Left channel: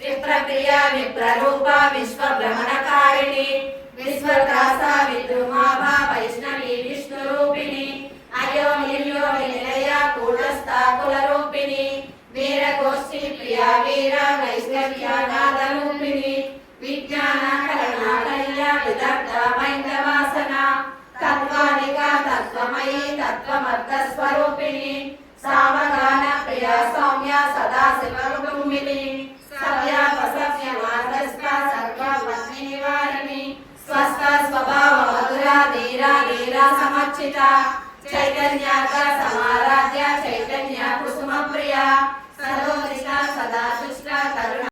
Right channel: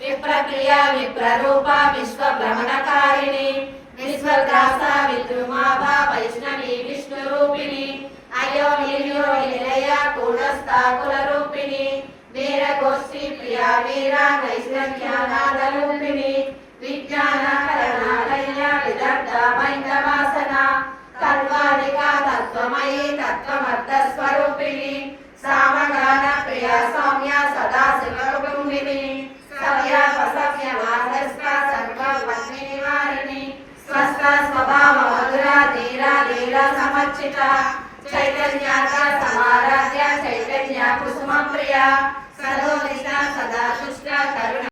विप्रप्रिया विप्ररूपा विश्वभ्रमणकारिणी विश्वग्रासा विद्रुमाभा वैष्णवी विष्णुरूपिणी अयो निर्यो निलया कूटस्था कुलरूपिणी वीरगोष्ठी प्रिया वीरा नैष्कर्यानादरूपिणी विज्ञानकरणा कल्या विदग्ध मैन्दवासना तत्त्वानिका तत्त्वमयी तत्त्वमर्थस्वरूपिणी सामगान प्रिया सौम्या सदा शिवकुटुम्बिनी सव्या पसव्य मार्गस्था सर्वपत्नीनिवारिणी स्वस्थ स्वभाव मधुरा धीरा लीला समर्चिता चैतन्यार्क समाराध्य चैतन्य कुसुम प्रिया सदोदिता सदा तुष्टा